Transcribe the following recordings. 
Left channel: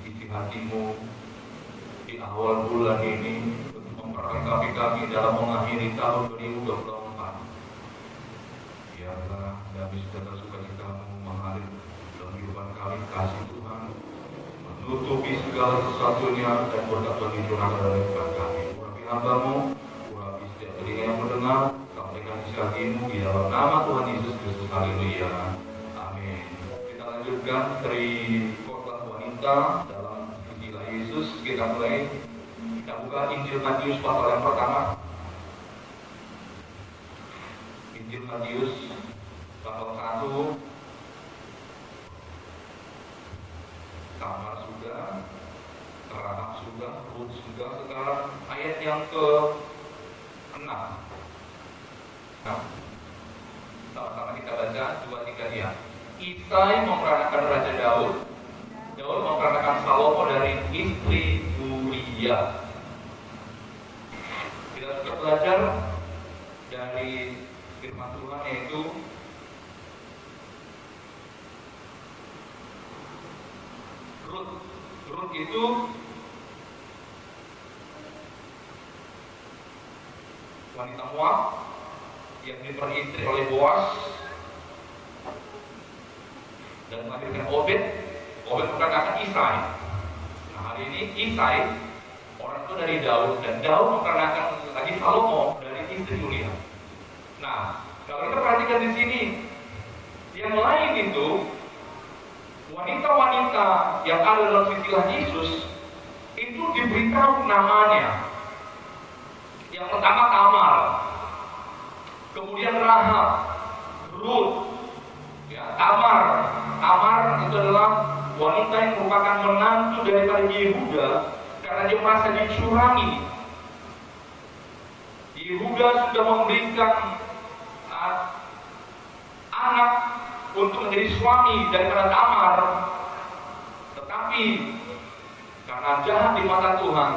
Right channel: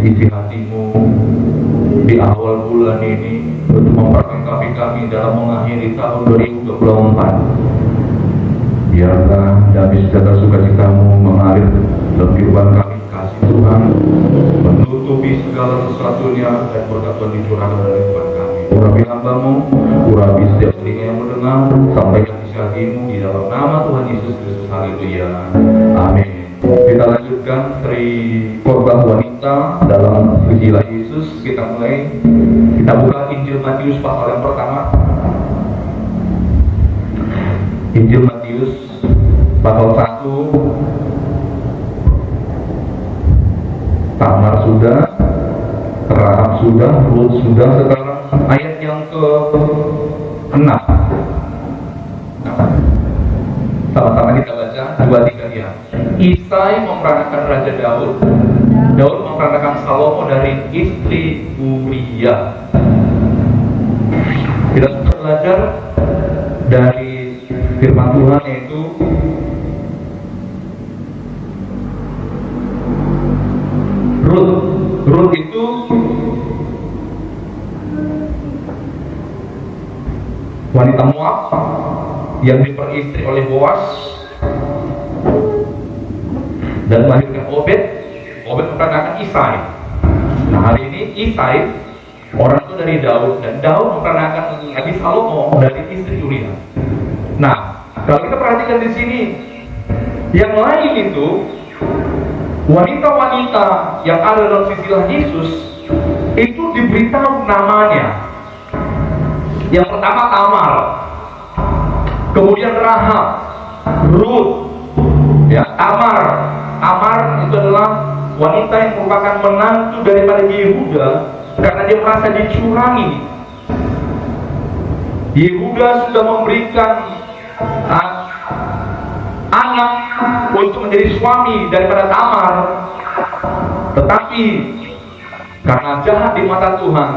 isi hatimu di awal bulan ini untuk memperlengkapi kami dalam mengakhiri tahun 2024. Biarlah damai sejahtera sukacitamu mengalir dalam kehidupan kami, kasih Tuhan menutupi segala sesuatunya, dan berkat Tuhan dicurahkan dalam kehidupan kami. Urapi hambamu, urapi setiap telinga yang mendengar, sampaikan isi hatimu di dalam nama Tuhan Yesus Kristus. Haleluya, amin. Kita lanjutkan Sri Khotbah Wanita dalam Injil Yesus. Kita mulai, kita buka Injil Matius pasal yang pertama. Injil Matius pasal 1. Tamar sudah, Rahab sudah, Rut sudah. Sekarang ayat yang ke-6. Sama-sama kita baca 2-3 ya. Isai memperanakan Raja Daud. Daud memperanakan Salomo dari istri Uria. Kita sudah belajar dari firman Tuhan, yaitu Rut itu wanita Moab yang diperistri oleh Boas dan melahirkan Obed. Obed memperanakan Isai. Nah, hari ini Isai orang itu dari Daud, dan Daud memperanakan lagi Salomo dari istri Uria. Nah, kalau kita perhatikan di sini, yang lain itu wanita-wanita yang ada dalam silsilah Yesus itu diberitahu namanya. Yang pertama Tamar, kemudian Rahab, Rut, ya. Tamar itu adalah wanita yang merupakan menantu daripada Yehuda karena dia merasa dicurangi. Yehuda sudah memberikan anak untuk menjadi suami daripada Tamar, tetapi karena jahat di mata Tuhan,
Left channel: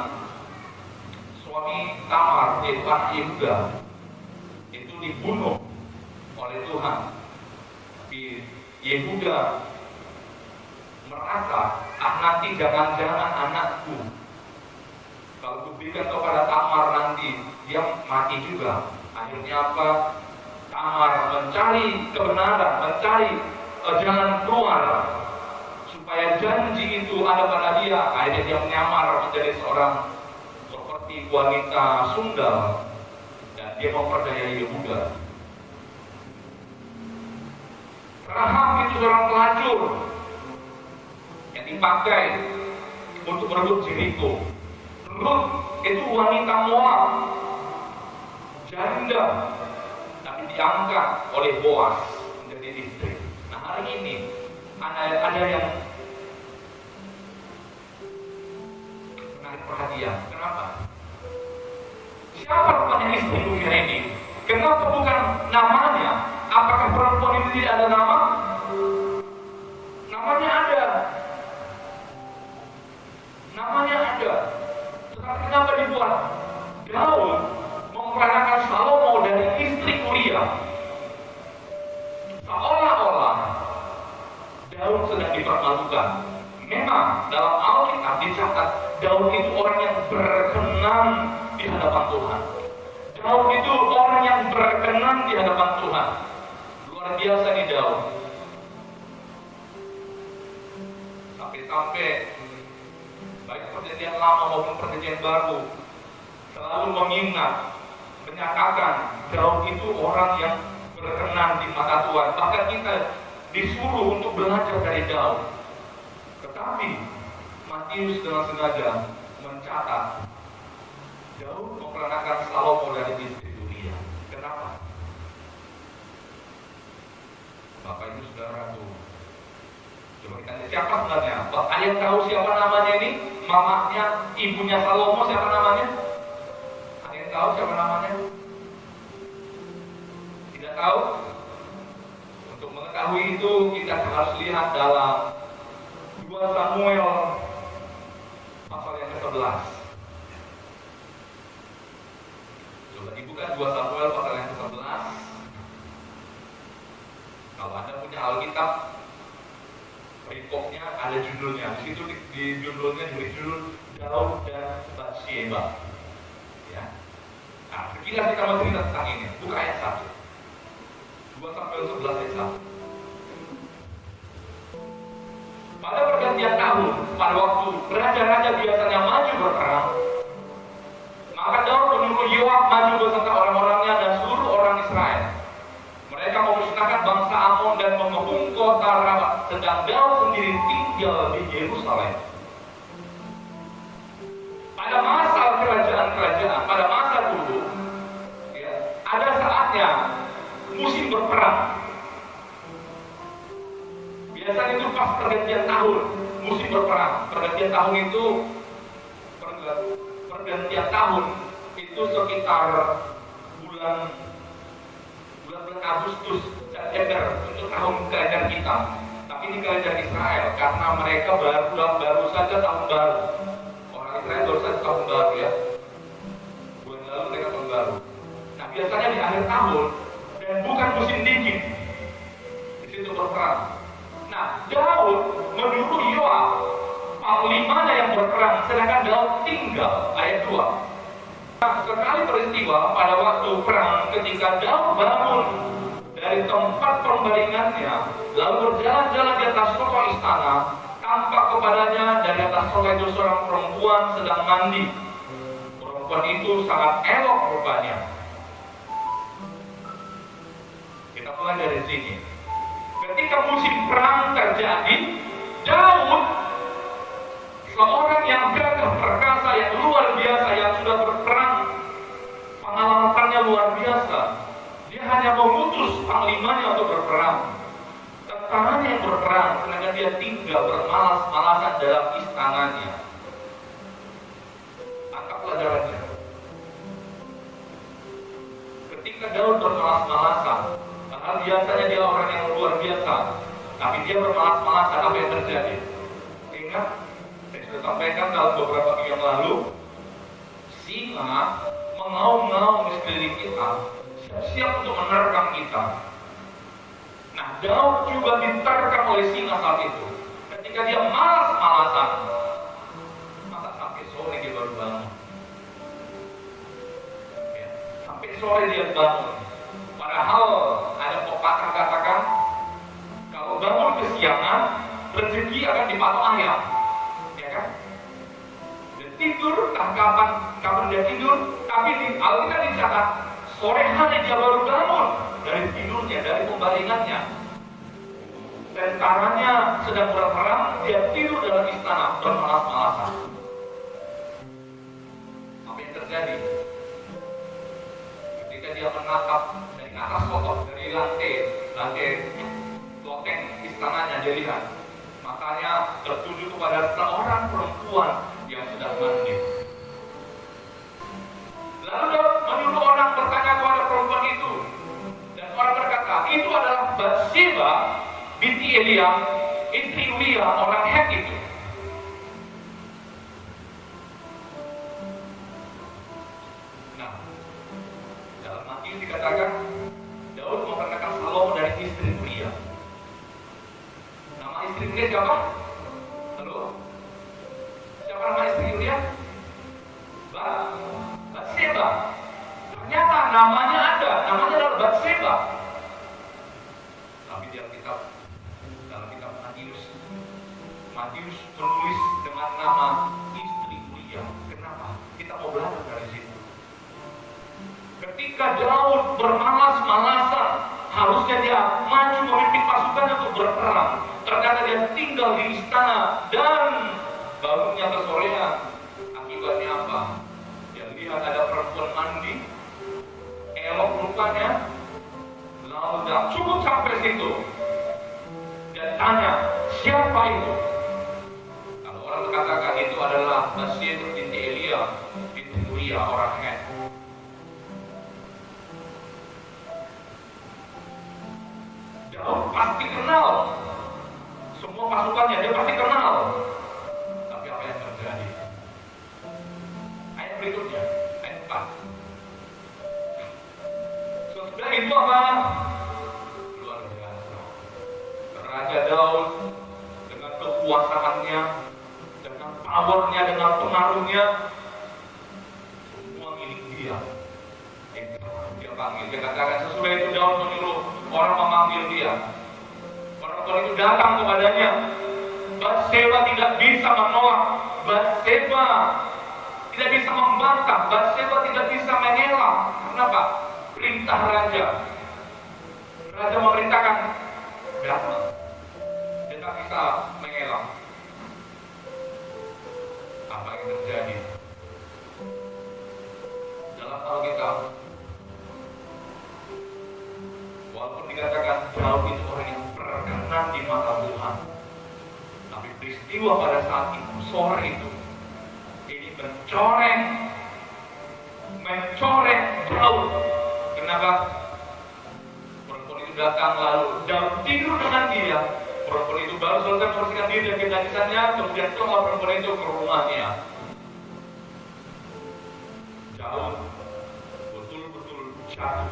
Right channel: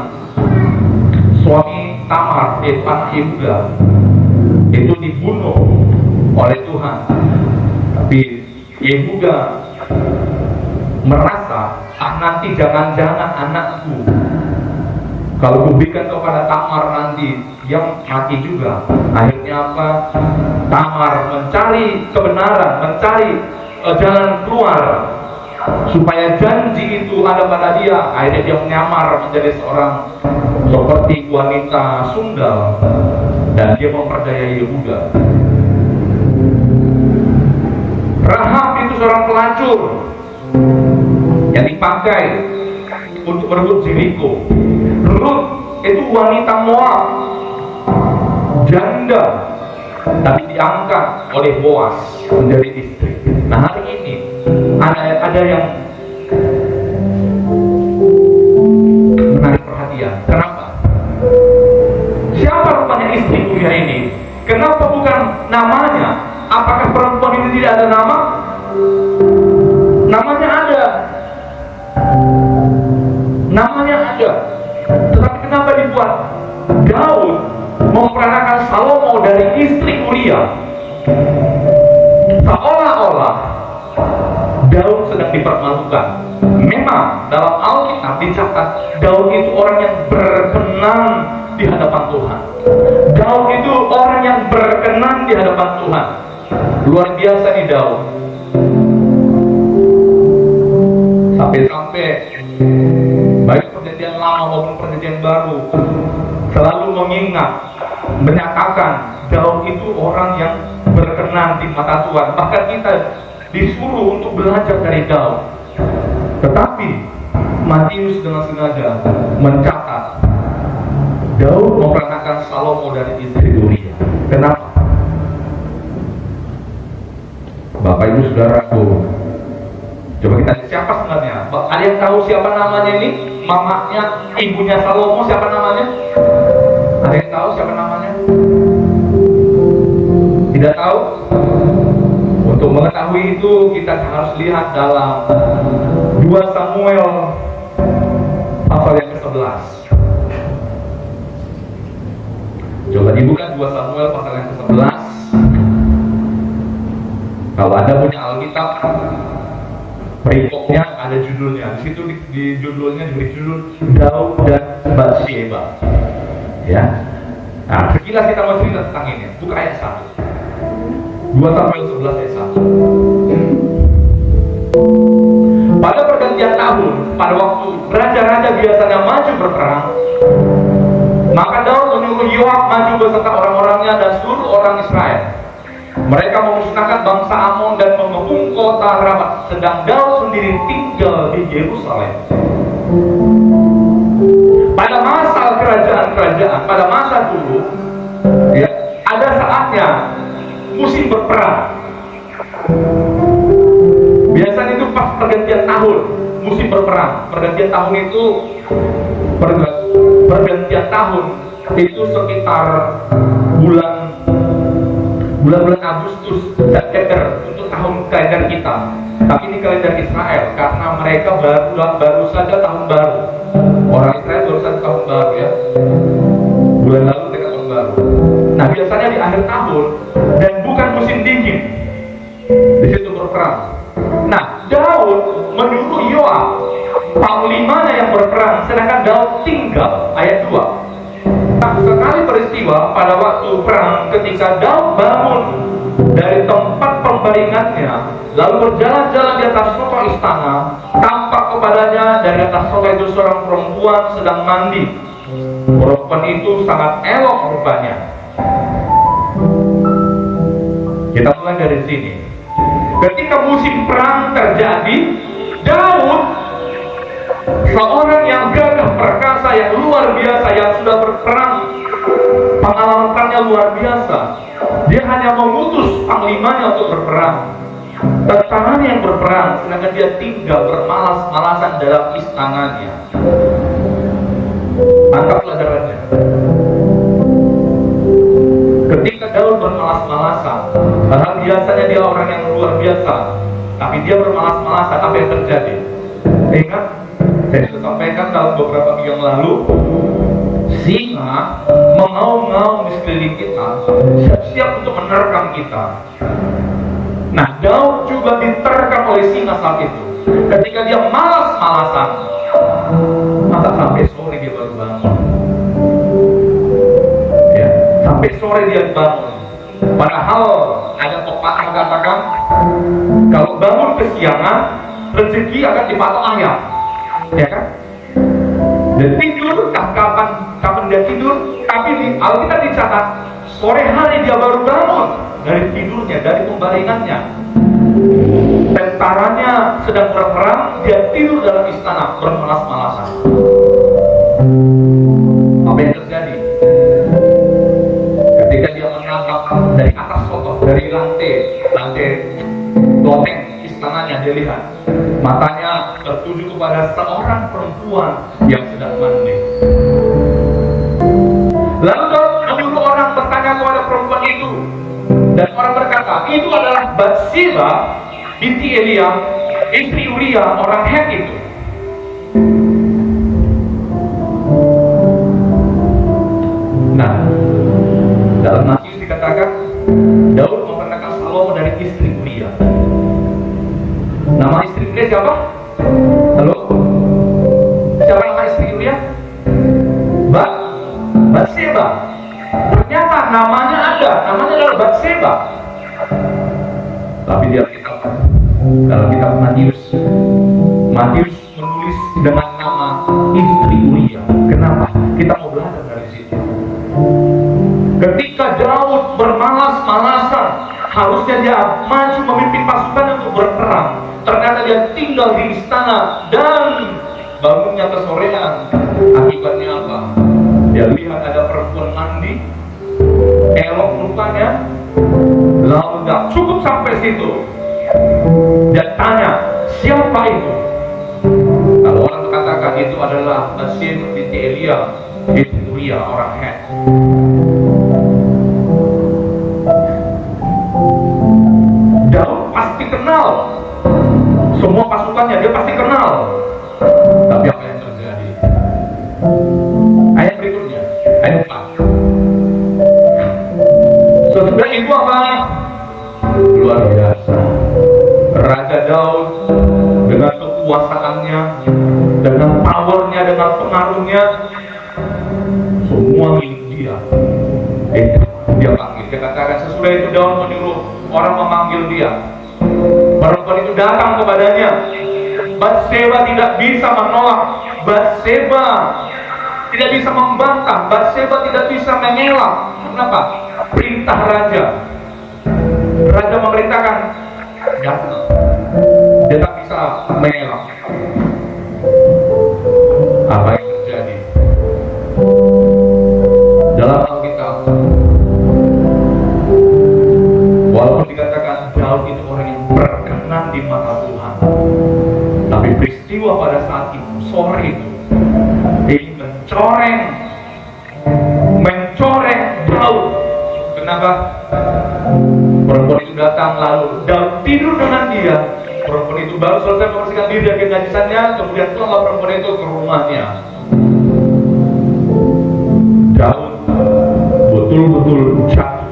suami Tamar, anak Yehuda, itu dibunuh oleh Tuhan. Tapi Yehuda merasa, nanti jangan-jangan anakku kalau kuberikan kepada Tamar nanti dia mati juga. Akhirnya apa? Tamar mencari kebenaran, mencari jalan keluar supaya janji itu ada pada dia. Akhirnya dia menyamar menjadi seorang seperti wanita sunggal, dan dia memperdaya Yehuda. Rahab itu seorang pelacur yang dipakai untuk merebut Jericho. Rut itu wanita Moab, janda, tapi diangkat oleh Boas menjadi istri. Nah, hari ini ada yang menarik perhatian. Kenapa? Siapa rupanya istri Uria ini? Kenapa bukan namanya? Apakah perempuan itu tidak ada nama? Namanya ada. Namanya ada. Tetapi kenapa dibuat Daud memperanakan Salomo dari istri Uria? Seolah-olah Daud sedang dipermalukan. Memang dalam Alkitab dicatat Daud itu orang yang berkenan di hadapan Tuhan. Daud itu orang yang berkenan di hadapan Tuhan. Luar biasa nih Daud. Sampai-sampai baik perjanjian lama maupun perjanjian baru selalu mengingat, menyatakan Daud itu orang yang berkenan di mata Tuhan. Bahkan kita disuruh untuk belajar dari Daud. Tetapi Matius dengan sengaja mencatat Daud memperanakan Salomo dari istri Uria. Kenapa? Bapak Ibu Saudaraku, coba kita lihat siapa sebenarnya. Ada yang tahu siapa namanya ini? Mamanya, ibunya Salomo, siapa namanya? Ada yang tahu siapa namanya? Tidak tahu? Untuk mengetahui itu kita harus lihat dalam 2 Samuel pasal yang ke-11. Coba dibuka 2 Samuel pasal yang ke-11. Kalau Anda punya Alkitab, perikopnya ada judulnya. Di situ di judulnya diberi judul Daud dan Batsheba. Ya. Nah, sekilas kita mau cerita tentang ini. Buka ayat 1. 2 Samuel 11 ayat 1. Pada pergantian tahun, pada waktu raja-raja biasanya maju berperang, maka Daud menyuruh Yoab maju beserta orang-orangnya dan seluruh orang Israel. Mereka memusnahkan bangsa Amon dan mengepung kota Ramat, sedang Daud sendiri tinggal di Yerusalem. Pada masa kerajaan-kerajaan, pada masa dulu, ya, ada saatnya musim berperang. Biasanya itu pas pergantian tahun, musim berperang. Pergantian tahun itu pergantian tahun itu sekitar bulan Agustus, September untuk tahun kalender kita. Tapi ini kalender Israel karena mereka baru saja tahun baru. Orang Israel baru saja tahun baru, ya. Bulan lalu mereka tahun baru. Nah, biasanya di akhir tahun dan bukan musim dingin. Di situ berperang. Nah, Daud menyuruh Yoab, panglimanya yang berperang, sedangkan Daud tinggal. Ayat 2. Nah, sekali peristiwa pada waktu perang, ketika Daud bangun dari tempat pembaringannya, lalu berjalan-jalan di atas sofa istana, tampak kepadanya dari atas sofa itu seorang perempuan sedang mandi. Perempuan itu sangat elok rupanya. Kita mulai dari sini. Ketika musim perang terjadi, Daud, seorang yang gagah perkasa, yang luar biasa, yang sudah berperang, pengalaman perangnya luar biasa. Dia hanya mengutus panglimanya untuk berperang, tentaranya yang berperang, sedangkan dia tinggal bermalas-malasan dalam istananya. Angkat pelajarannya. Ketika Daud bermalas-malasan, padahal biasanya dia orang yang luar biasa, tapi dia bermalas-malasan, apa yang terjadi? Ingat, saya sudah sampaikan dalam beberapa minggu yang lalu, singa mengaum-ngaum di sekeliling kita, siap-siap untuk menerkam kita. Nah, Daud juga diterkam oleh singa saat itu. Ketika dia malas-malasan, masa sampai sore dia baru bangun? Ya, sampai sore dia bangun. Padahal ada pepatah katakan, kalau bangun kesiangan, rezeki akan dipatok ayam. Ya kan? Dan tidur kapan dia tidur, tapi di Alkitab dicatat sore hari dia baru bangun dari tidurnya, dari pembaringannya. Tentaranya sedang berperang, dia tidur dalam istana bermalas-malasan. Apa yang terjadi? Ketika dia menangkap dari atas kotor, dari lantai loteng istananya, dia lihat matanya tertuju kepada seorang perempuan yang sedang mandi. Lalu Daud menyuruh orang bertanya kepada perempuan itu, dan orang berkata, itu adalah Batsheba binti Elia, istri Uria orang Het itu. Nah, dalam Matius dikatakan Daud memperkenalkan Salomo dari istri Uria. Nama istri Uria siapa? Halo? Siapa nama istri Uria? Batsheba. Ternyata namanya ada, namanya adalah Batsheba. Tapi di Alkitab, dalam kitab Matius menulis dengan nama istri Uria. Kenapa? Kita mau belajar dari situ. Ketika Daud bermalas-malasan, harusnya dia maju memimpin pasukan untuk berperang. Ternyata dia tinggal di istana dan bangunnya kesorean. Akibatnya apa? Dia lihat ada perempuan mandi, elok rupanya, lalu tidak cukup sampai situ. Dia tanya, siapa itu? Kalau orang mengatakan itu adalah Batsheba binti Elia, itu Uria orang Het. Daud pasti kenal, semua pasukannya dia pasti kenal. Tapi apa yang terjadi? Ayat berikutnya, ayat 4. Sesudah itu apa? Luar biasa. Raja Daud dengan kekuatannya, dengan powernya, dengan pengaruhnya, semua milik dia. Dia panggil. Dia katakan sesudah itu Daud menyuruh orang memanggil dia. Perempuan itu datang kepadanya. Batseba tidak bisa menolak. Batseba tidak bisa membantah. Batseba tidak bisa mengelak. Kenapa? Perintah raja. Raja memerintahkan datang. Dia tak bisa mengelak. Apa yang terjadi? Dalam Alkitab, walaupun dikatakan Daud itu orang yang berkenan di mata Tuhan, tapi peristiwa pada saat itu, sore itu, ini mencoreng Daud. Kenapa? Perempuan itu datang lalu Daud tidur dengan dia. Perempuan itu baru selesai membersihkan diri dari najisannya, kemudian pulanglah perempuan itu ke rumahnya. Daud betul-betul jatuh.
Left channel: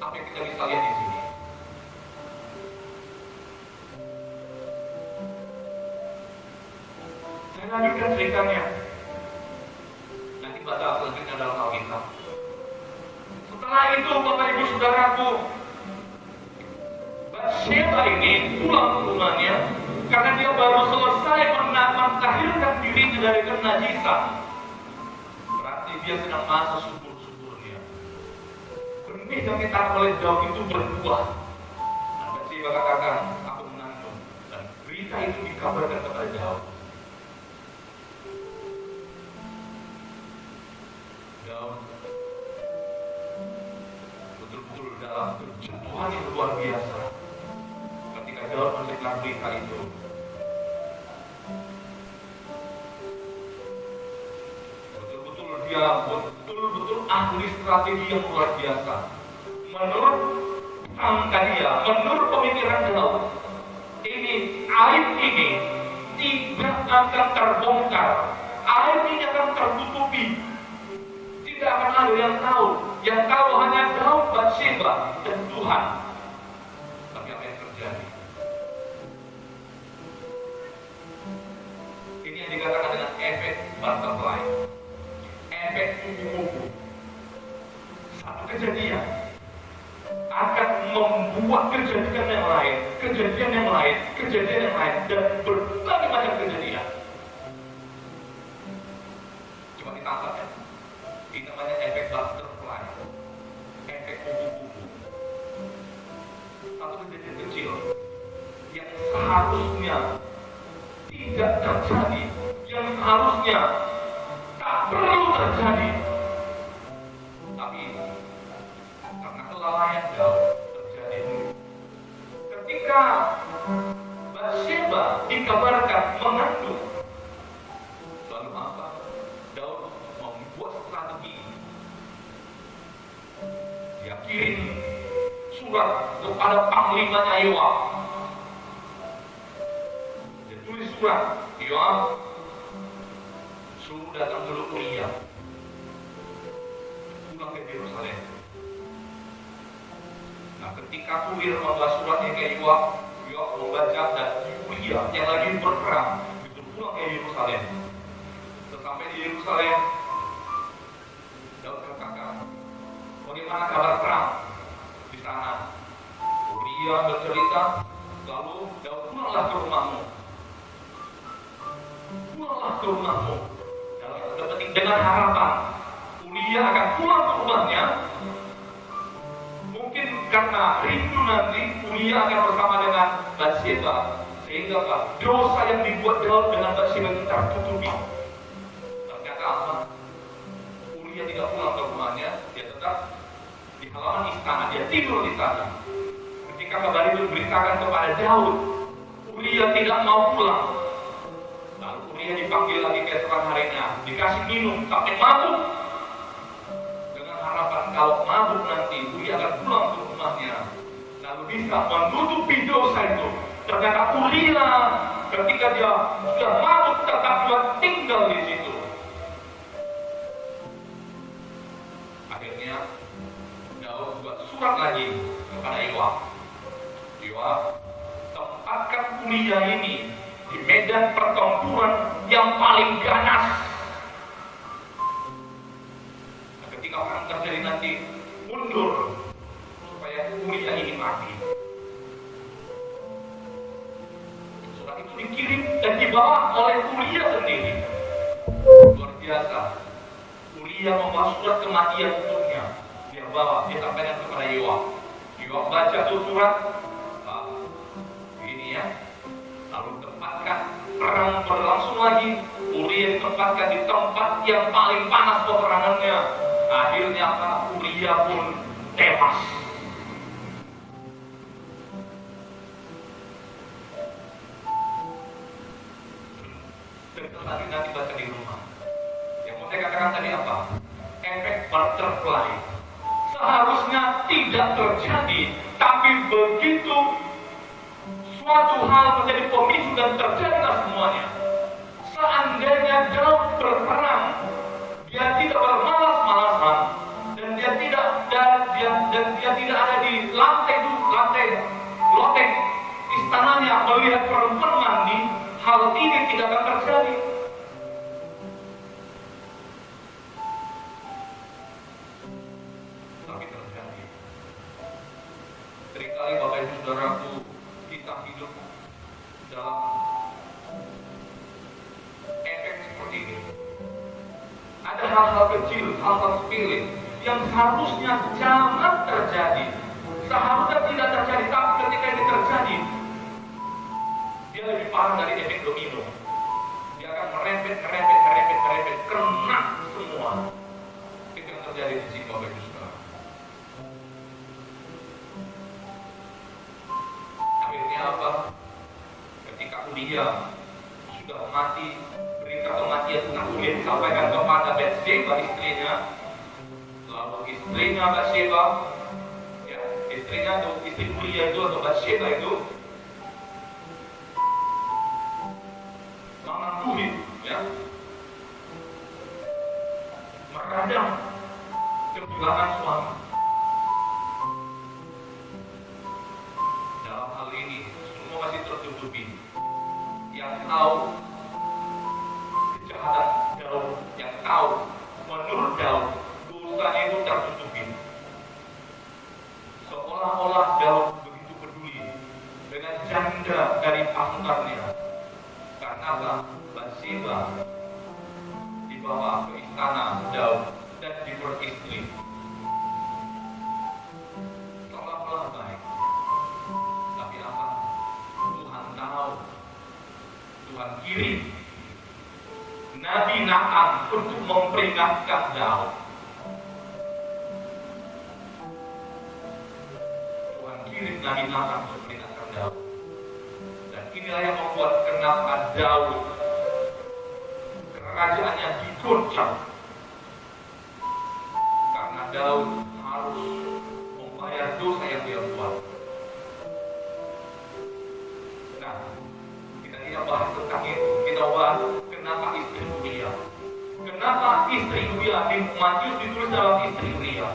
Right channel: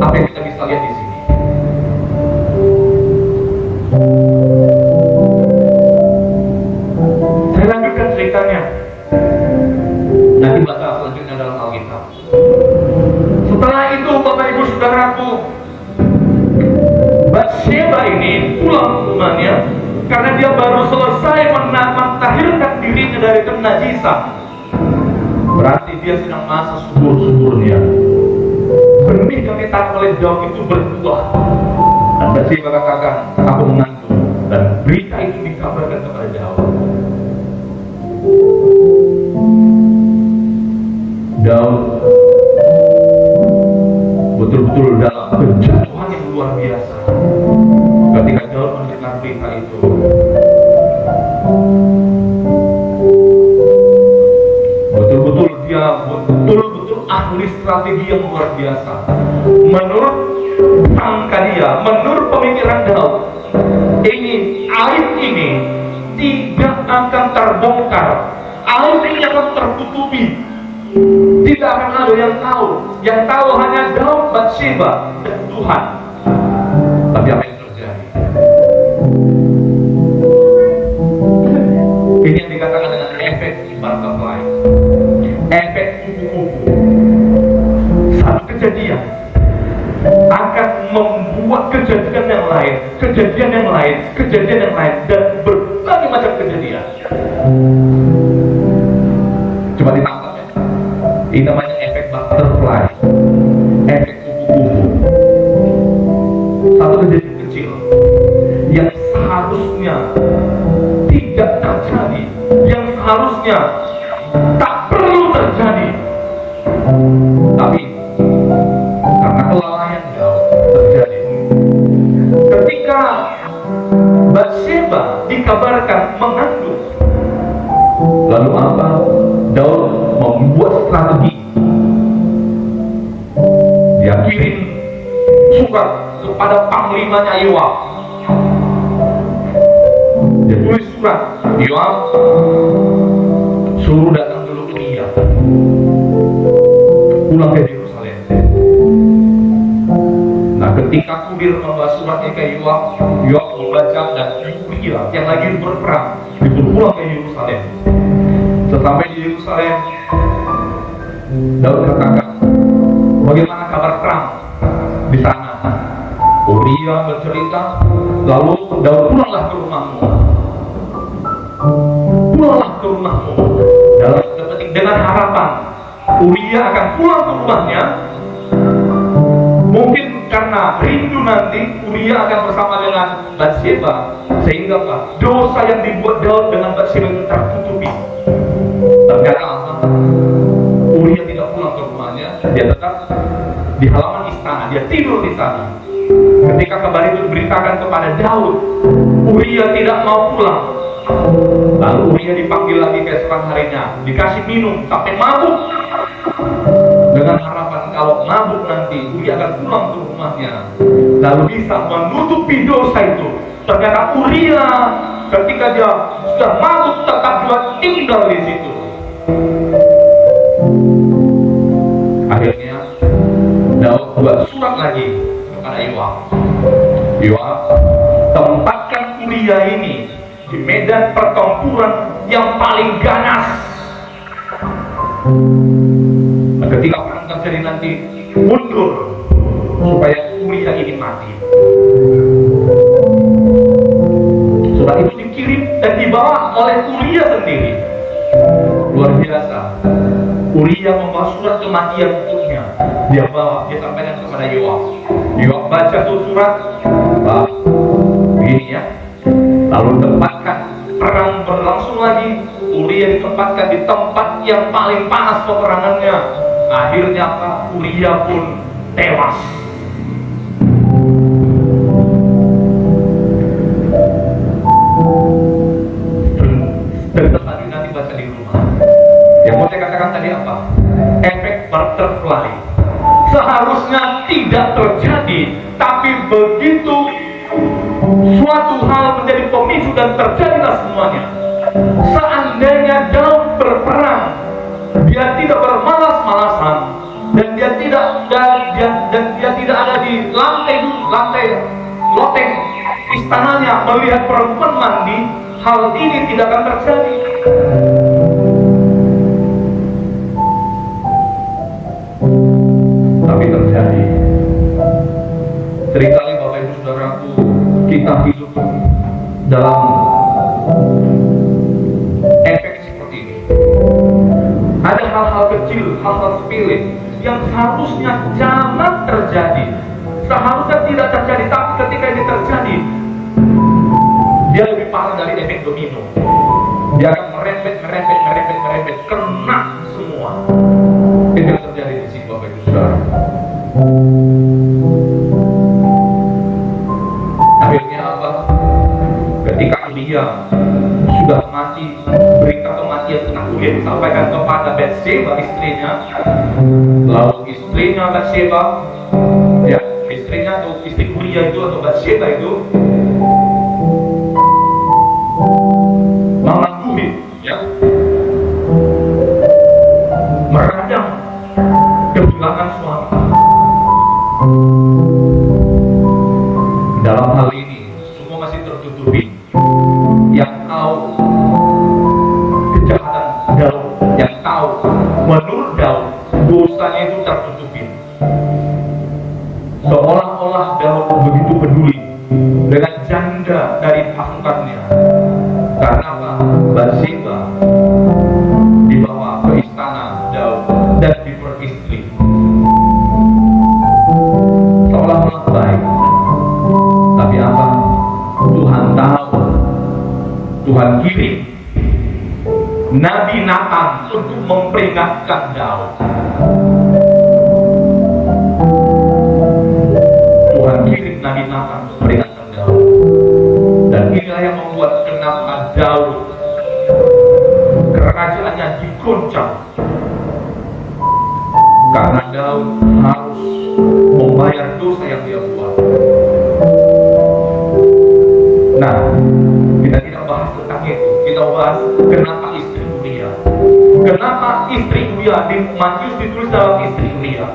Apa yang kita bisa lihat di sini? Saya lanjutkan ceritanya. Nanti baca selanjutnya dalam Alkitab. Setelah itu, Bapak Ibu Saudaraku, Batseba ini pulang ke rumahnya karena dia baru selesai mentahirkan dirinya dari kenajisan. Berarti dia sedang masa subur-suburnya. Benih yang ditanam oleh Daud itu berbuah. Dan Batseba katakan, aku mengandung. Dan berita itu dikabarkan kepada Daud. Daud betul-betul dalam kejatuhan yang luar biasa ketika Daud mendengar berita itu. Betul-betul dia betul-betul ahli strategi yang luar biasa. Menurut sangka dia, menurut pemikiran Daud, aib ini tidak akan terbongkar, aib ini akan tertutupi. Tidak akan ada yang tahu. Yang tahu hanya Daud, Batseba, dan Tuhan. Tapi apa yang terjadi? Ini yang dikatakan dengan efek butterfly, efek kupu-kupu. Satu kejadian akan membuat kejadian yang lain, kejadian yang lain, kejadian yang lain, dan berbagai macam kejadian. Coba ditangkap. Ini namanya efek butterfly, efek kupu-kupu. Satu kejadian kecil yang seharusnya tidak terjadi, yang seharusnya tak perlu terjadi, tapi karena kelalaian Daud terjadi. Ketika Batseba dikabarkan mengandung, lalu apa? Daud membuat strategi. Dia kirim surat kepada panglimanya Yoab. Dia tulis surat, Yoab, suruh datang dulu ke Uria, pulang ke Yerusalem. Nah, ketika kurir membawa suratnya ke Yoab, Yoab membaca dan Uria yang lagi berperang disuruh pulang ke Yerusalem. Sesampai di Yerusalem, Daud katakan, bagaimana kabar perang di sana? Uria bercerita, lalu Daud, pulanglah ke rumahmu. Pulanglah ke rumahmu. Dalam penting dengan harapan Uria akan pulang ke rumahnya. Mungkin karena rindu nanti Uria akan bersama dengan Batseba, sehingga dosa yang dibuat Daud dengan Batseba itu tertutupi. Ternyata apa? Uria tidak pulang ke rumahnya, dia tetap di halaman istana, dia tidur di sana. Ketika kabar itu diberitakan kepada Daud, Uria tidak mau pulang. Lalu Uria dipanggil lagi keesokan harinya, dikasih minum sampai mabuk, dengan harapan kalau mabuk nanti Uria akan pulang ke rumahnya, lalu bisa menutupi dosa itu. Ternyata Uria ketika dia sudah mabuk tetap juga tinggal di situ. Akhirnya Daud buat surat lagi kepada Yoab. Yoab, Uria ini di medan pertempuran yang paling ganas. Nah, ketika perang terjadi nanti, mundur supaya Uria ini mati. Surat itu dikirim dan dibawa oleh Uria sendiri. Luar biasa. Uria membawa surat kematian untuknya. Dia bawa, dia sampaikan kepada Yoab. Yoab baca tuh surat, begini ya. Lalu tempatkan, perang berlangsung lagi. Uria ditempatkan di tempat yang paling panas peperangannya. Akhirnya Uria pun tewas. Nanti baca di rumah. Yang mau saya katakan tadi apa? Efek butterfly. Seharusnya tidak terjadi, tapi begitu suatu hal menjadi pemicu dan terjadilah semuanya. Seandainya Daud berperang, dia tidak bermalas-malasan dan dia tidak ada di lantai loteng istananya melihat perempuan mandi, hal ini tidak akan terjadi. Tapi terjadi. Seringkali Bapak Ibu Saudaraku, kita hidup dalam efek seperti ini. Ada hal-hal kecil, hal-hal sepele yang seharusnya jangan terjadi, seharusnya tidak terjadi, tapi ketika ini terjadi, dia lebih parah dari efek domino. Dia akan merembet, kena semua. Itu yang terjadi di sini, Bapak Ibu Saudara. Akhirnya apa? Ketika Uria sudah mati, berita kematian tentang Uria disampaikan kepada Batseba, istrinya. Lalu istrinya Batseba, ya, istrinya atau istri Uria itu atau Batseba itu mengakuhi, ya, meradang kehilangan suami. Dalam hal ini semua masih tertutupi. Yang tahu kejahatan Daud, yang tahu menurut Daud dosanya itu tertutupi. Seolah-olah Daud begitu peduli dengan janda dari pasukannya. Karena apa? Batseba dibawa ke istana Daud dan diperistri. Seolah-olah baik. Tapi apa? Tuhan tahu. Tuhan kirim Nabi Nathan untuk memperingatkan Daud. Tuhan kirim Nabi Nathan untuk memperingatkan Daud. Dan inilah yang membuat kenapa Daud kerajaannya diguncang. Karena Daud harus membayar dosa yang dia buat. Nah, kita tidak bahas tentang itu. Kita bahas kenapa istri Uria. Kenapa istri Uria di Matius ditulis dalam istri Uria.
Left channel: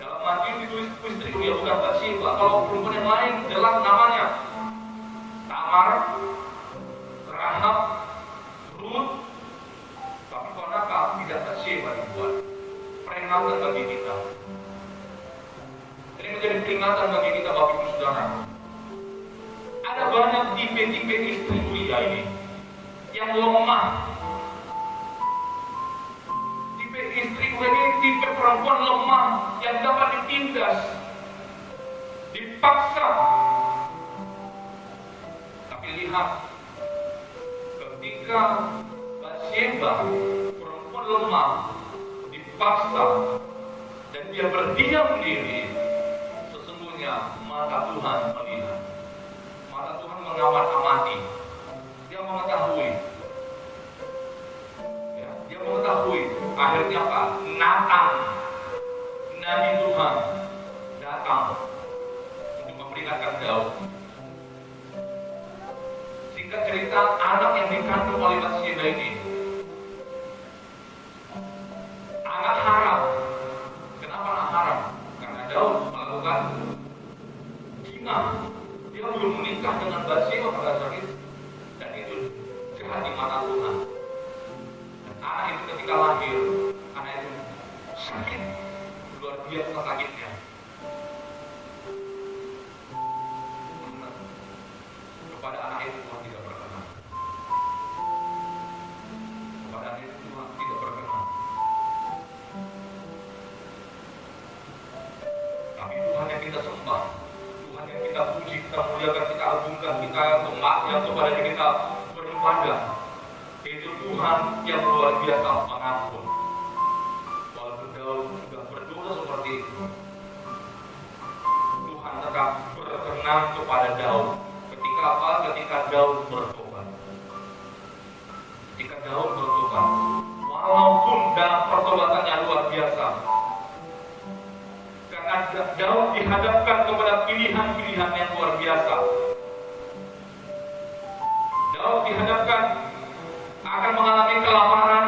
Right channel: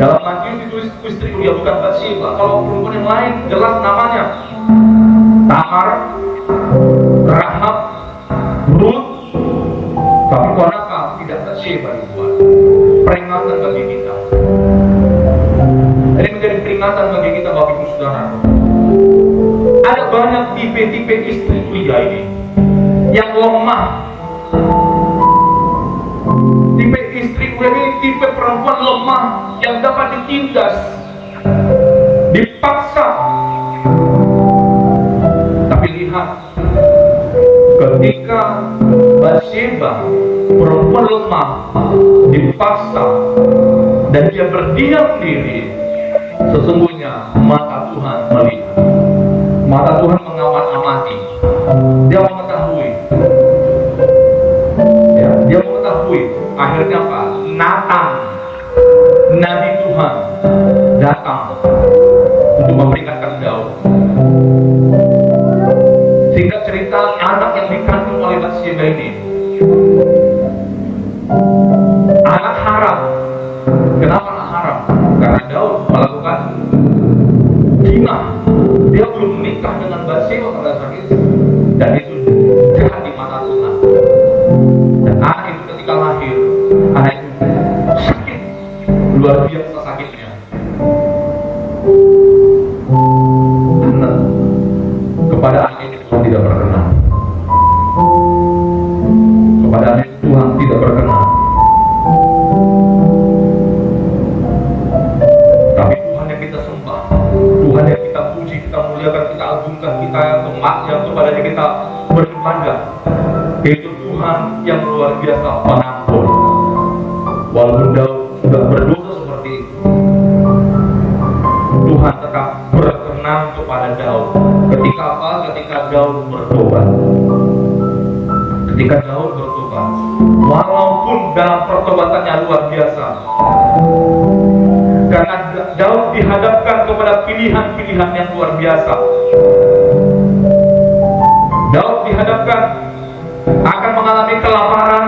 Dalam Matius ditulis istri Uria, bukan Batseba. Kalau perempuan yang lain jelas namanya Tamar, Rahab, Ruth. Tapi kenapa tidak Batseba dibuat? Peringatan bagi kita. Ini menjadi peringatan bagi kita, Bapak Ibu Saudara. Ada banyak tipe-tipe istri Uria ini yang lemah. Tipe istri Uria ini tipe perempuan lemah yang dapat ditindas, dipaksa. Tapi lihat, ketika Batseba, perempuan lemah, dipaksa dan dia berdiam diri, sesungguhnya mata Tuhan melihat. Mata Tuhan mengamati. Dia mengetahui. Ya, dia mengetahui. Akhirnya apa? Nathan, Nabi Tuhan, datang untuk memperingatkan Daud. Singkat cerita, anak yang dikandung oleh Batseba ini, anak haram. Kenapa anak haram? Karena Daud melakukan zina. Dia belum menikah. menikah dengan Batseba pada saat itu, dan itu jahat di mata Tuhan. Dan anak itu ketika lahir, anak itu sakit, luar biasa sakitnya. Karena kepada anak itu Tuhan tidak berkenan. Kepada anak itu Tuhan tidak berkenan. Tapi Tuhan yang kita sembah, Tuhan yang kita puji, kita muliakan, kita agungkan, kita yang kepadanya kita beribadah, itu Tuhan yang luar biasa pengampun. Walaupun Daud sudah berdosa seperti itu, Tuhan tetap berkenan kepada Daud. Ketika apa? Ketika Daud bertobat. Ketika Daud bertobat, walaupun dalam pertobatannya luar biasa, karena Daud dihadapkan kepada pilihan-pilihan yang luar biasa. Daud dihadapkan akan mengalami kelaparan,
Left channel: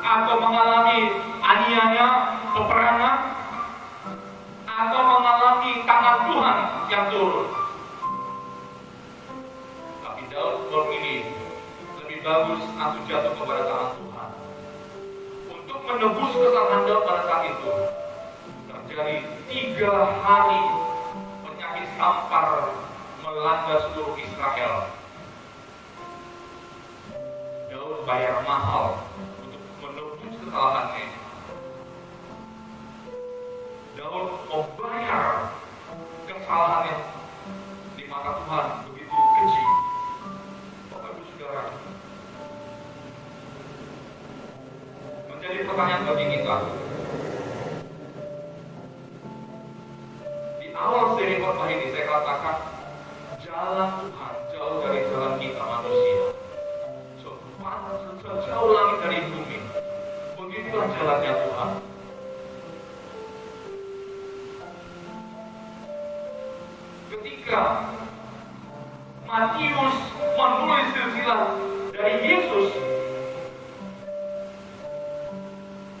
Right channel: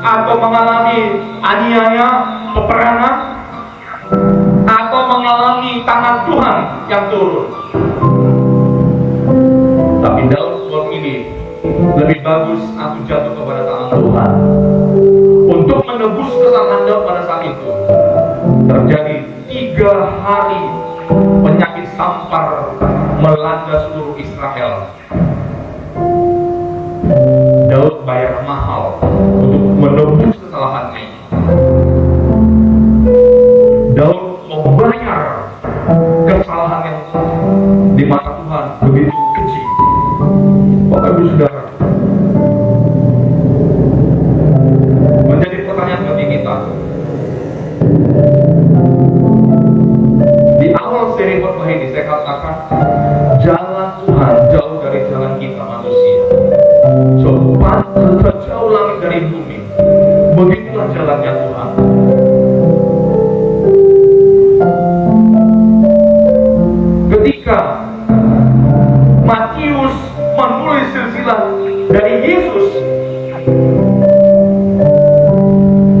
atau mengalami aniaya, peperangan, atau mengalami tangan Tuhan yang turun. Tapi Daud memilih lebih bagus aku jatuh kepada tangan Tuhan. Untuk menebus kesalahan Daud pada saat itu, terjadi 3 hari penyakit sampar melanda seluruh Israel. Daud bayar mahal untuk menebus kesalahannya. Daud membayar kesalahan yang di mata Tuhan begitu kecil. Bapak Ibu Saudara, menjadi pertanyaan bagi kita. Di awal seri khotbah ini saya katakan jalan Tuhan jauh dari jalan kita manusia. Sejauh langit dari bumi, begitulah jalannya Tuhan. Ketika Matius menulis silsilah dari Yesus,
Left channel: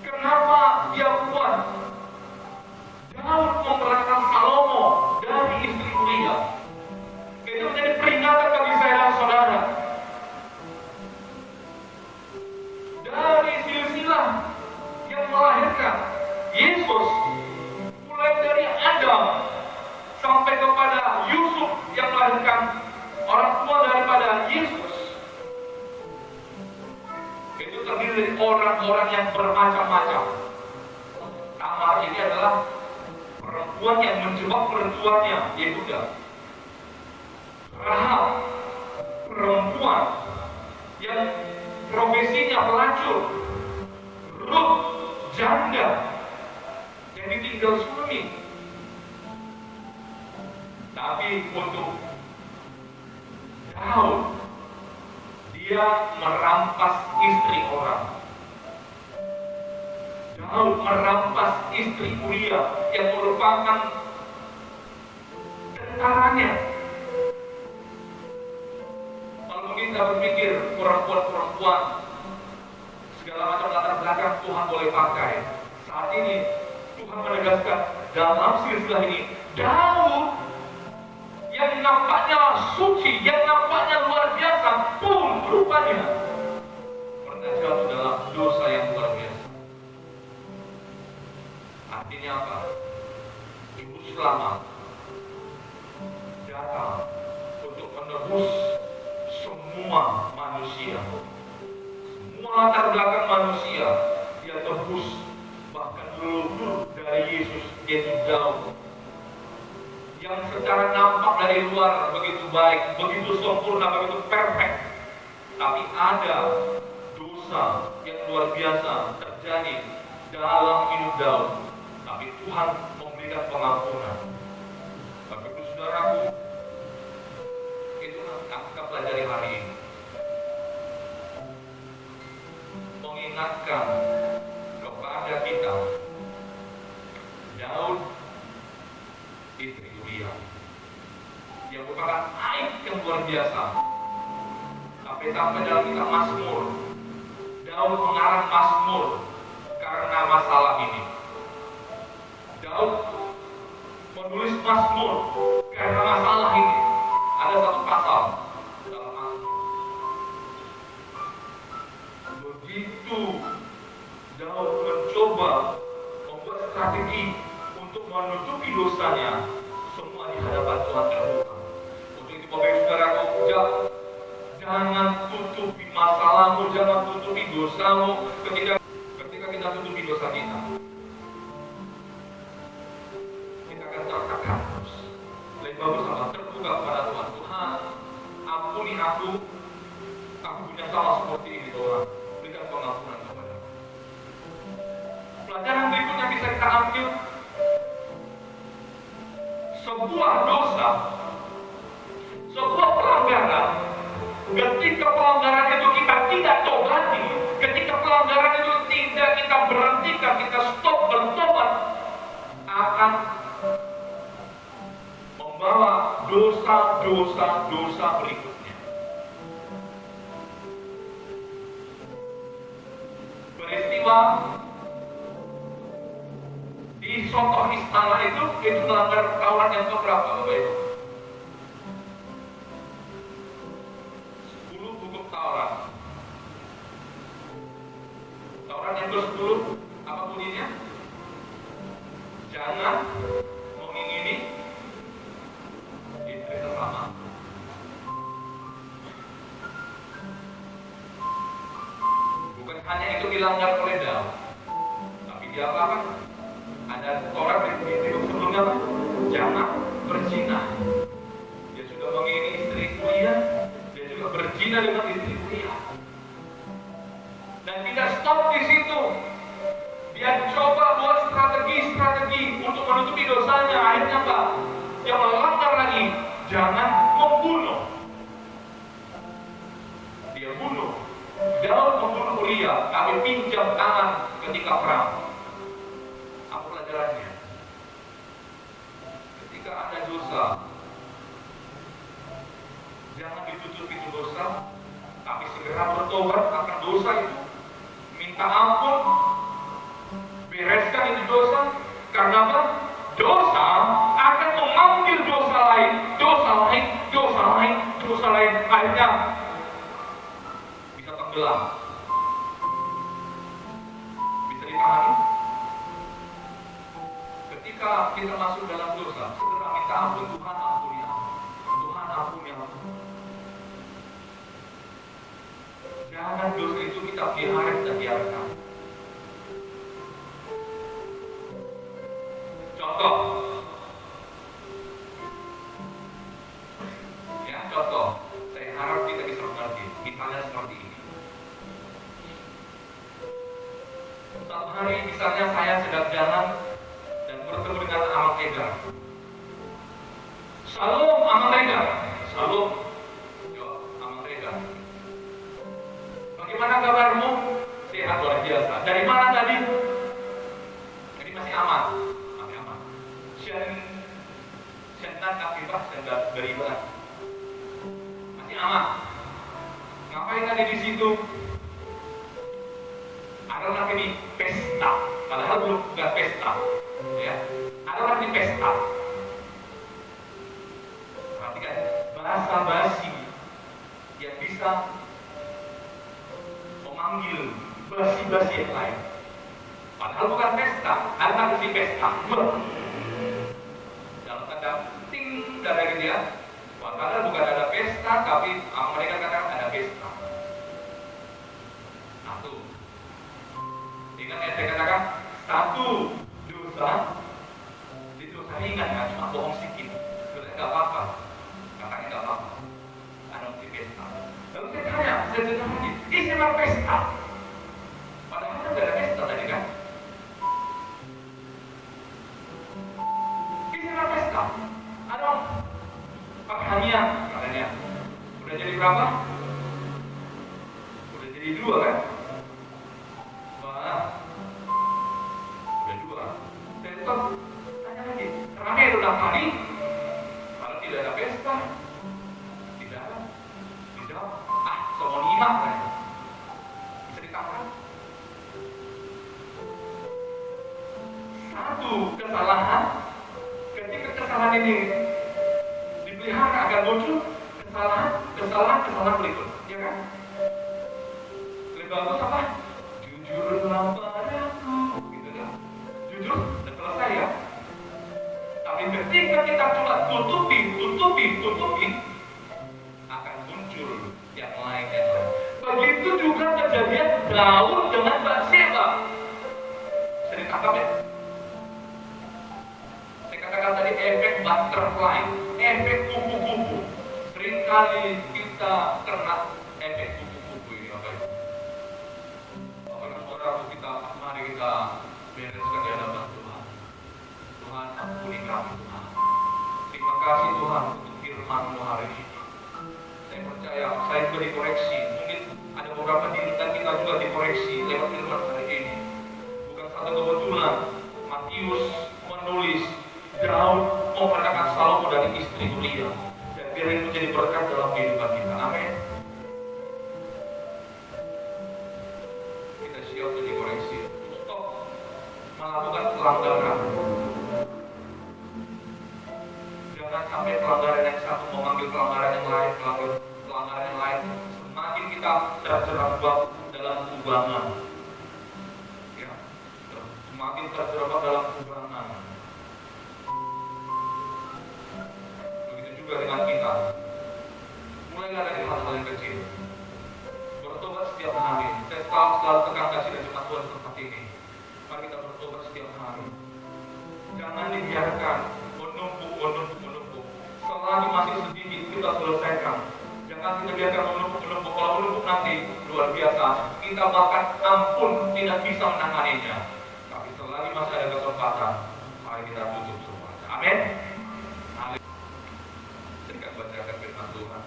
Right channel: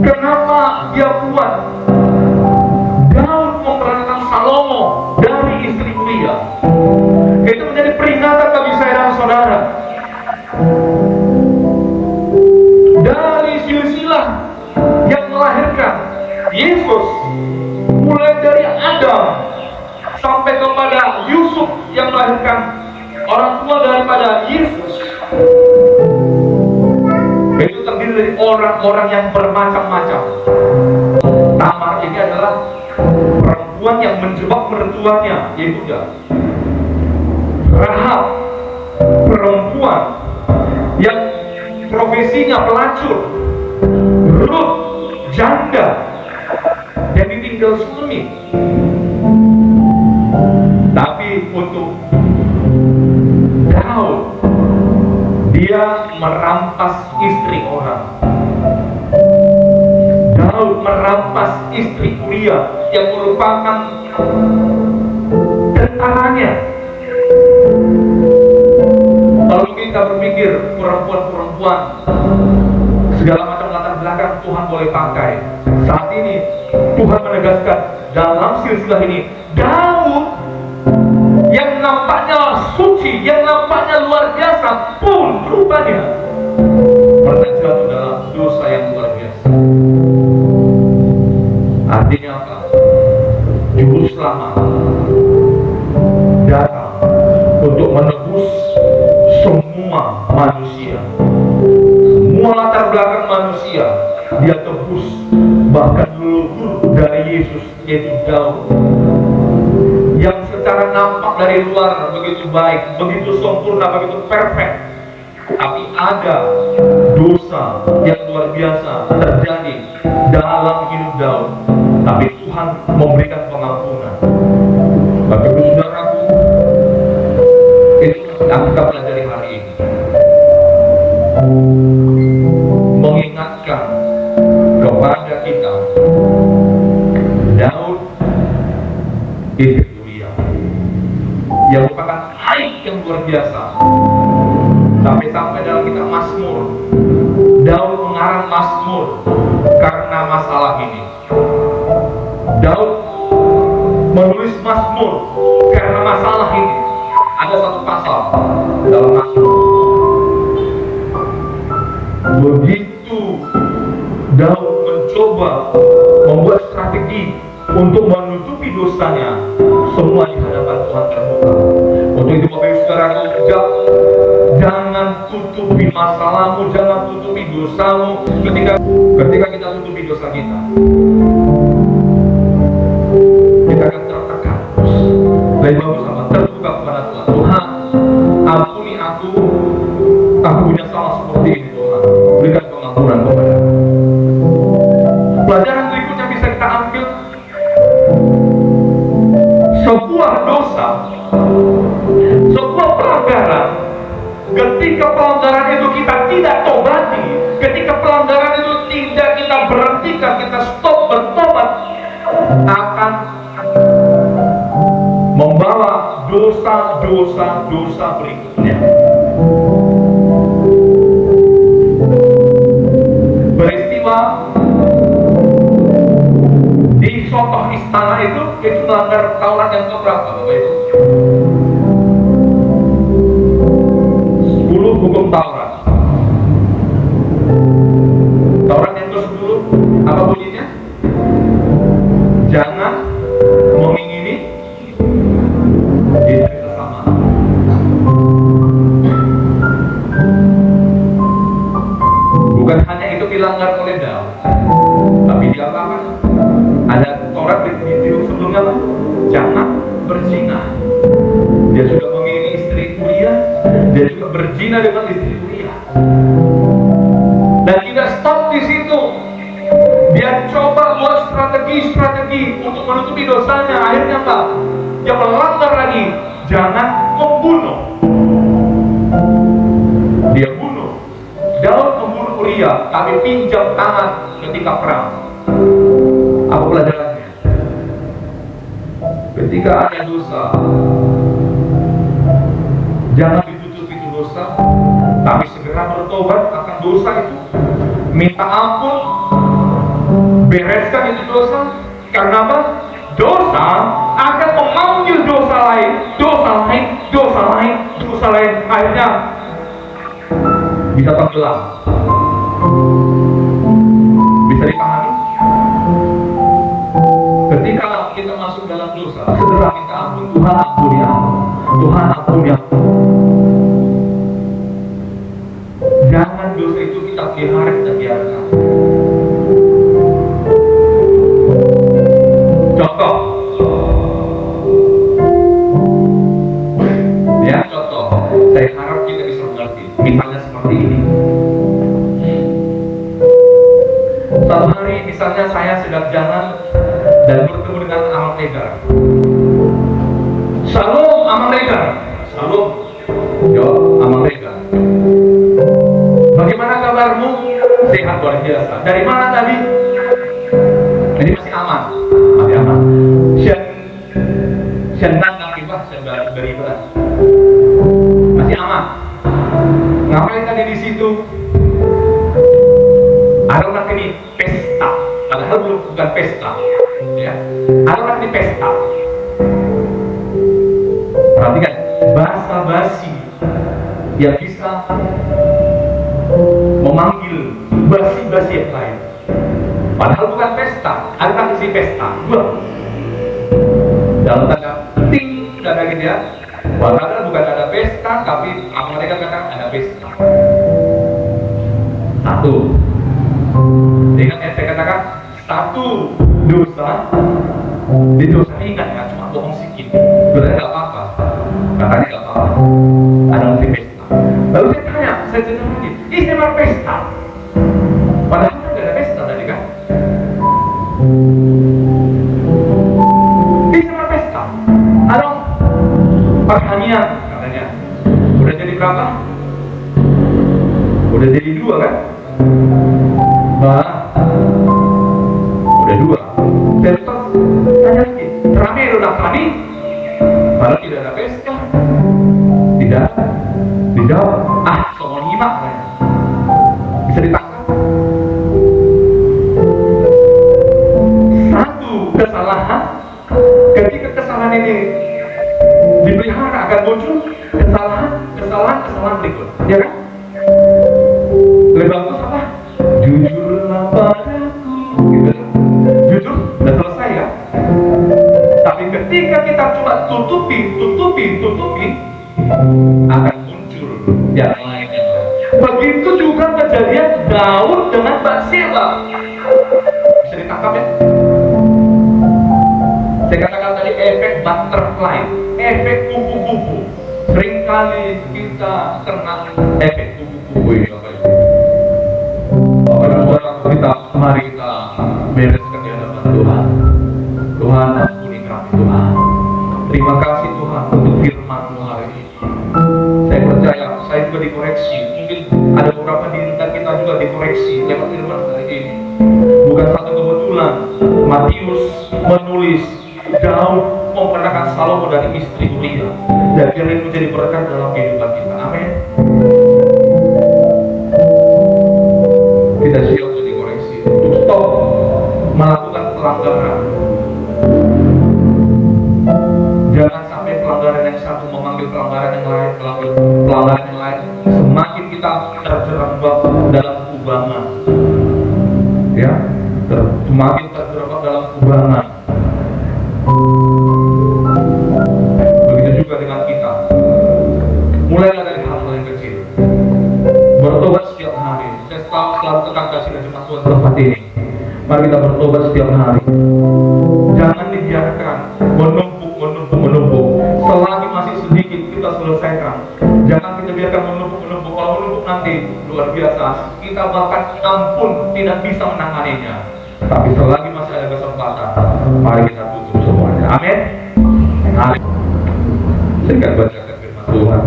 kenapa dia buat Daud memperankan Salomo dari istri Uria? Itu menjadi peringatan bagi saya dan saudara. Dari silsilah yang melahirkan Yesus, mulai dari Adam sampai kepada Yusuf yang melahirkan orang tua daripada Yesus, itu terdiri dari orang-orang yang bermacam-macam. Tamar ini adalah perempuan yang menjebak mertuanya Yehuda. Rahab, perempuan yang profesinya pelacur. Ruth, janda yang ditinggal suami. Tapi untuk Daud, dia merampas istri orang. Daud merampas istri Uria yang merupakan tentaranya. Lalu kita berpikir perempuan-perempuan segala macam latar belakang Tuhan boleh pakai. Saat ini Tuhan menegaskan dalam silsilah ini, Daud yang nampaknya suci, yang nampaknya luar biasa pun rupanya pernah jatuh dalam dosa yang luar biasa. Artinya apa? Juru selamat datang untuk menebus semua manusia, semua latar belakang manusia dia tebus. Bahkan leluhur dari Yesus, yaitu Daud, yang secara nampak dari luar begitu baik, begitu sempurna, begitu perfect, tapi ada dosa yang luar biasa terjadi dalam hidup Daud. Tapi Tuhan memberikan pengampunan. Bagi ibu saudaraku, itu yang kita pelajari hari ini, mengingatkan kepada kita Daud istri Uria yang merupakan aib yang luar biasa. Sampai dalam kitab Mazmur, Daud mengarang Mazmur karena masalah ini. Daud menulis Mazmur karena masalah ini. Ada satu pasal dalam Mazmur. Begitu Daud mencoba membuat strategi untuk menutupi dosanya, semua di hadapan Tuhan terbuka. Untuk itu Bapak Ibu Saudaraku, jangan tutupi masalahmu, jangan tutupi dosamu. Ketika kita tutupi dosa kita akan tertekan. Lebih bagus apa? Terbuka kepada Tuhan. Tuhan, ampuni aku punya salah seperti ini Tuhan. Berikan pengampunan kepada aku. Pelajaran berikutnya bisa kita ambil, sebuah dosa, sebuah pelanggaran, ketika pelanggaran itu kita tidak tobati, ketika pelanggaran itu tidak kita berhentikan, kita stop bertobat, akan membawa dosa berikutnya. Peristiwa di contoh istana itu melanggar Taurat yang keberapa Bapak Ibu? 10 hukum Taurat. Taurat yang ke-10 apa bunyinya? Jangan mengingini istri sesama. Bukan hanya itu dilanggar oleh Daud, tapi dia apa? Ada Taurat di sebelumnya apa? Jangan berzina. Dia sudah mengingini istri Uria, dia juga berzina dengan istri Uria. Dan tidak stop di situ. Dia coba buat strategi untuk menutupi dosanya. Akhirnya apa? Dia melanggar lagi. Jangan membunuh. Dia bunuh. Daud membunuh Uria, tapi pinjam tangan ketika perang. Apa pelajarannya? Ketika ada dosa, jangan ditutupi itu dosa, tapi segera bertobat akan dosa itu. Minta ampun, bereskan itu dosa. Karena apa? Dosa akan memanggil dosa lain. Akhirnya bisa tenggelam. Bisa dipahami? Ketika kita masuk dalam dosa, segera minta ampun. Tuhan ampuni aku. Tuhan ampuni aku. Jangan dosa itu kita pelihara, kita biarkan. Contoh, saya harap kita bisa mengerti. Misalnya seperti ini. Satu hari misalnya saya sedang jalan dan bertemu dengan Amal Tegar. Shalom Amal Tegar. Shalom. Jawab Amal Tegar. Bagaimana kabarmu? Sehat luar biasa. Dari mana tadi? Ini masih aman. Masih aman. Senang akibah, beribadah. Masih aman. Ngapain tadi di situ? Ada orang ini pesta. Padahal belum bukan pesta. Ya. Ada orang ini pesta. Perhatikan, basa-basi yang bisa memanggil basi-basi yang lain. Padahal bukan pesta. Ada orang isi pesta. Dalam tanda ting, tanda gitu ya. Padahal bukan ada pesta, tapi mereka katakan ada pesta. Satu. Dengan yang saya katakan, satu dosa, di dosa ingat kan, cuma bohong sedikit. Sebenarnya nggak apa-apa. Katanya nggak apa-apa. Ada musik pesta. Lalu saya tanya, saya cenderung lagi, ini memang pesta. Padahal kan nggak ada pesta tadi kan. Ini memang pesta. Ada pertanian katanya. Udah jadi berapa? Udah jadi 2 kan? Udah 2. Terus tanya lagi, rame udah tadi? Padahal tidak ada pesta. Tidak. Dijawab, soal 5 katanya. Bisa ditangkap. Satu kesalahan, ketika kesalahan ini dipelihara akan muncul kesalahan berikut, ya kan? Lebih bagus apa? Jujurlah padaku, gitu. Jujur, udah selesai ya. Tapi ketika kita coba tutupi, akan muncul yang lainnya. Begitu juga kejadian Daud dengan Batseba. Bisa ditangkap ya? Saya katakan tadi efek butterfly, efek kupu-kupu. Seringkali kita kena efek kupu-kupu ini, Bapak Ibu. Bapak dan Saudara, mari kita bereskan di hadapan Tuhan. Tuhan, ampuni kami Tuhan. Terima kasih Tuhan untuk firman-Mu hari ini. Saya percaya, saya juga dikoreksi. Mungkin ada beberapa di dekat kita juga dikoreksi lewat firman hari ini. Bukan satu kebetulan Matius menulis Daud memperkenalkan Salomo dari istri Uria, dan ini menjadi berkat dalam kehidupan kita. Amin. Kita siap untuk dikoreksi, untuk stop melakukan pelanggaran. Jangan sampai pelanggaran yang satu memanggil pelanggaran yang lain, pelanggaran yang lain. Semakin kita terjerembab dalam kubangan, ya, semakin terjerembab dalam kubangan. Begitu juga dengan kita. Mulailah dari hal-hal yang kecil. Bertobat setiap hari. Saya selalu tekan kasih dan jemaat Tuhan tempat ini. Mari kita bertobat setiap hari. Jangan dibiarkan menumpuk. Selagi masih sedikit kita selesaikan. Jangan kita biarkan menumpuk. Kalau menumpuk nanti luar biasa. Kita bahkan ampun tidak bisa menanganinya. Tapi selagi masih ada kesempatan, mari kita tutup semuanya. Amin. Amin. Saya akan bacakan firman Tuhan.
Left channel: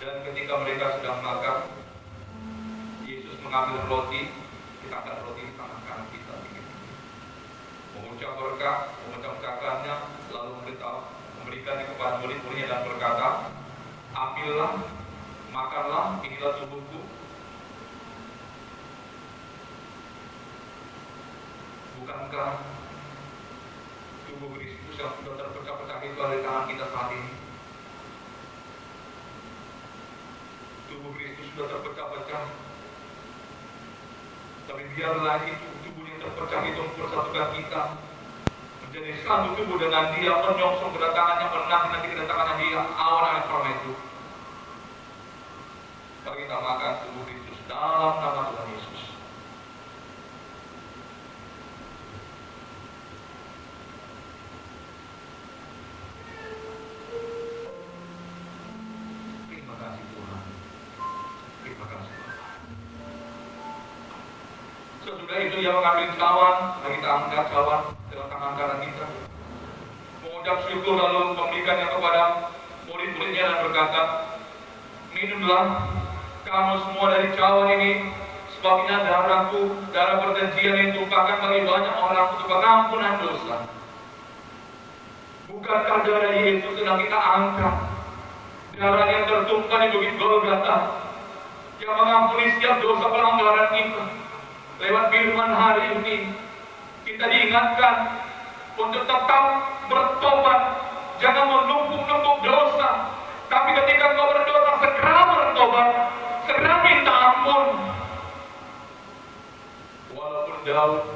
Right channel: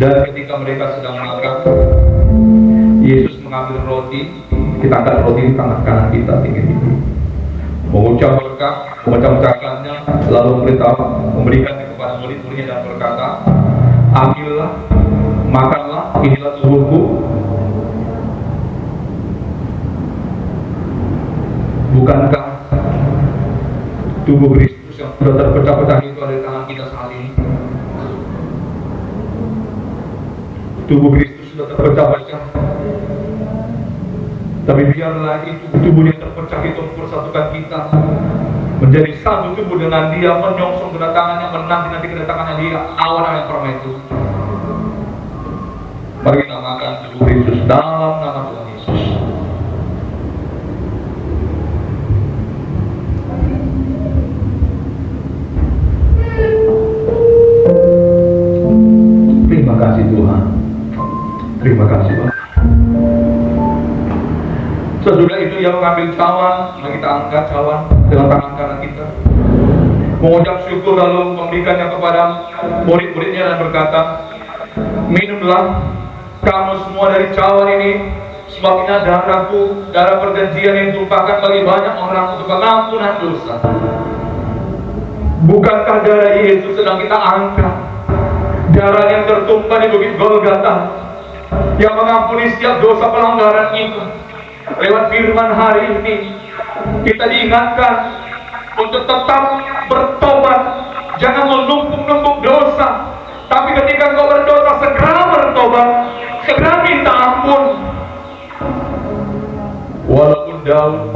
Dan ketika mereka sedang makan, Yesus mengambil roti. Kita angkat roti di tangan kanan kita tinggi-tinggi, mengucap berkat, memecah-mecahkannya, lalu memberikannya kepada murid-muridnya dan berkata, ambillah, makanlah, inilah tubuhku. Bukankah tubuh Kristus yang sudah terpecah-pecah itu ada di tangan kita saat ini? Tubuh Kristus sudah terpecah-pecah. Tapi biarlah itu tubuh yang terpecah itu mempersatukan kita menjadi satu tubuh dengan Dia, menyongsong kedatangannya, menanti kedatangannya Dia awal yang pertama itu. Mari kita makan tubuh Kristus dalam nama Tuhan Yesus. Terima kasih Tuhan. Terima kasih Bapak. Sesudah itu Ia mengambil cawan, kita angkat cawan dengan tangan kanan kita, mengucap syukur lalu memberikannya kepada murid-muridnya dan berkata, minumlah kamu semua dari cawan ini, sebab ini darahku, darah perjanjian yang ditumpahkan bagi banyak orang untuk pengampunan dosa. Bukankah darah Yesus sedang kita angkat? Darah yang tertumpah di bukit Golgota, yang mengampuni setiap dosa pelanggaran itu. Lewat firman hari ini kita diingatkan untuk tetap bertobat. Jangan menumpuk-numpuk dosa, tapi ketika engkau berdosa segera bertobat, segera minta ampun. Walaupun Daud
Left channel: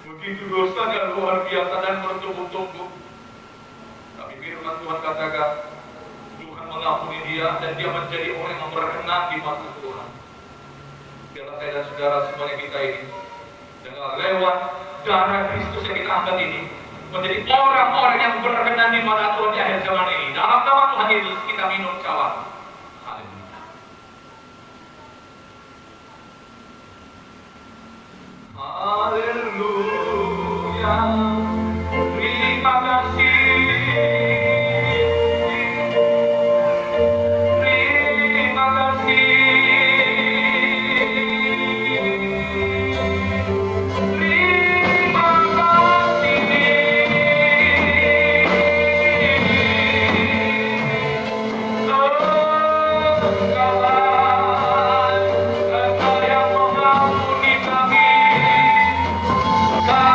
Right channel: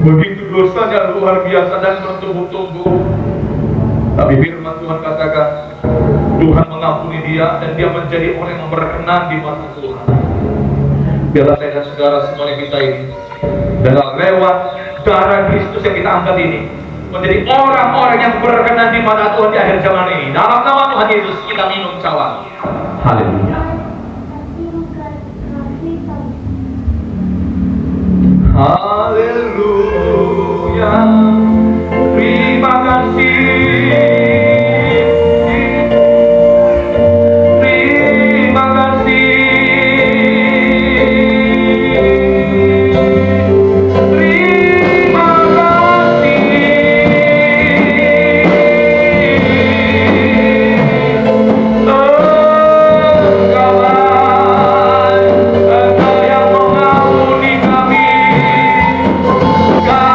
begitu dosanya luar biasa dan bertumbuh-tumbuh, tapi firman Tuhan katakan Tuhan mengampuni dia dan dia menjadi orang yang berkenan di mata Tuhan. Biarlah saya dan saudara semuanya kita ini dengan lewat darah Kristus yang kita angkat ini menjadi orang-orang yang berkenan di mata Tuhan di akhir zaman ini. Dalam nama Tuhan Yesus kita minum cawan. Haleluya. Haleluya. Terima kasih. God.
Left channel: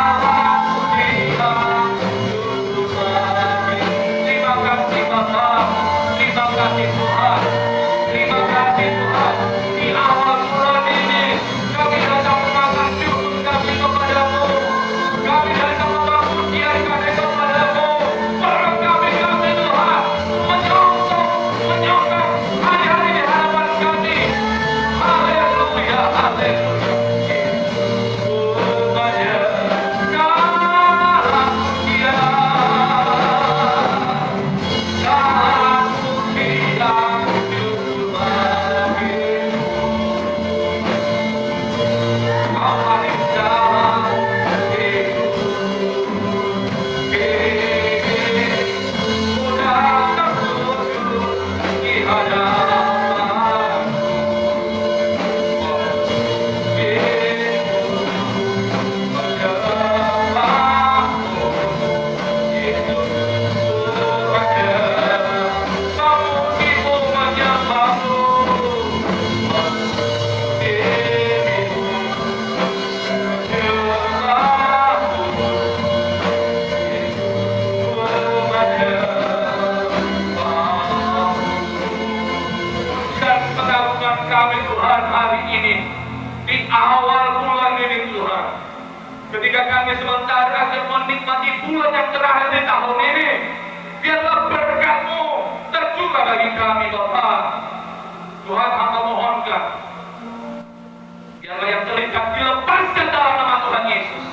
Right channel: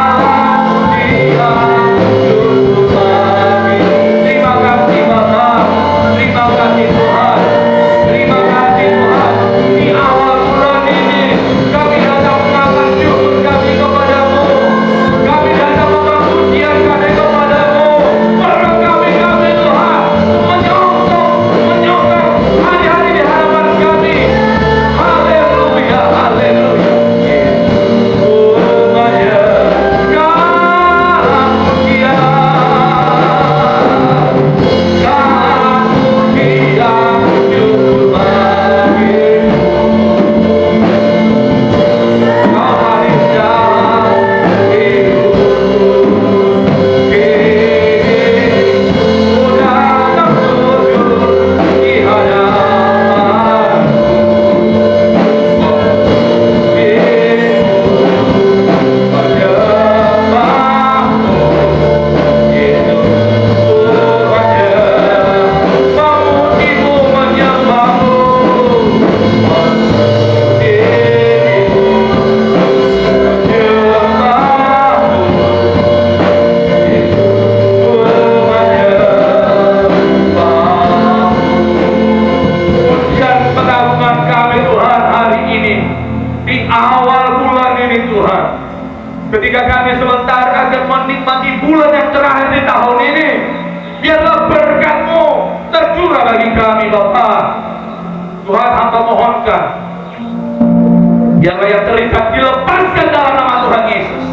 Tuhan. Ketika kami sementara akan menikmati bulan yang terakhir di tahun ini, biarlah berkat-Mu tercurah bagi kami Bapa. Tuhan, hamba mohonkan, biarlah yang terikat dilepaskan dalam nama Tuhan Yesus,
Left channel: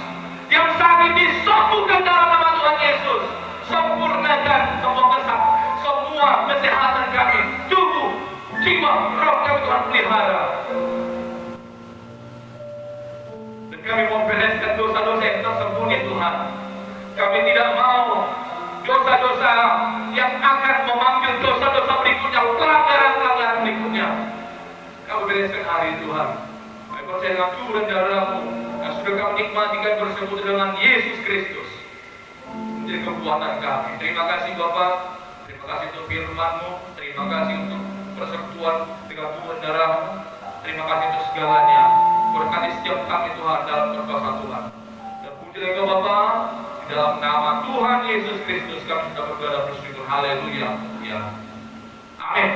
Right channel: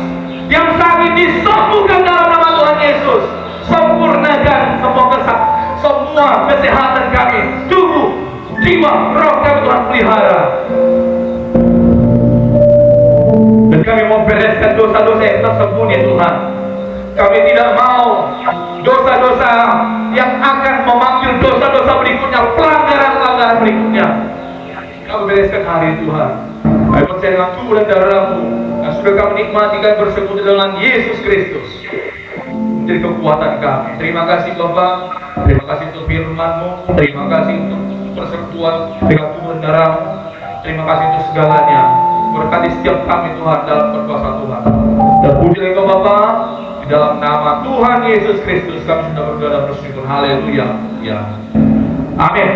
yang sakit disembuhkan dalam nama Tuhan Yesus. Sempurnakan semua kesehatan kami, tubuh, jiwa, roh kami Tuhan pelihara. Dan kami mau bereskan dosa-dosa yang tersembunyi Tuhan. Kami tidak mau dosa-dosa yang akan memanggil dosa-dosa berikutnya, pelanggaran-pelanggaran berikutnya. Kami bereskan hari ini Tuhan. Kami percaya dengan tubuh dan darah-Mu yang sudah kami nikmati, kami bersekutu dengan Yesus Kristus menjadi kekuatan kami. Terima kasih Bapak, terima kasih untuk firman-Mu, terima kasih untuk persekutuan dengan tubuh dan darah-Mu, terima kasih untuk segalanya. Berkati setiap kami Tuhan dalam berkuasa Tuhan. Dan puji Engkau Bapa, di dalam nama Tuhan Yesus Kristus kami sudah berdoa dan bersyukur. Haleluya. Ya. Amin.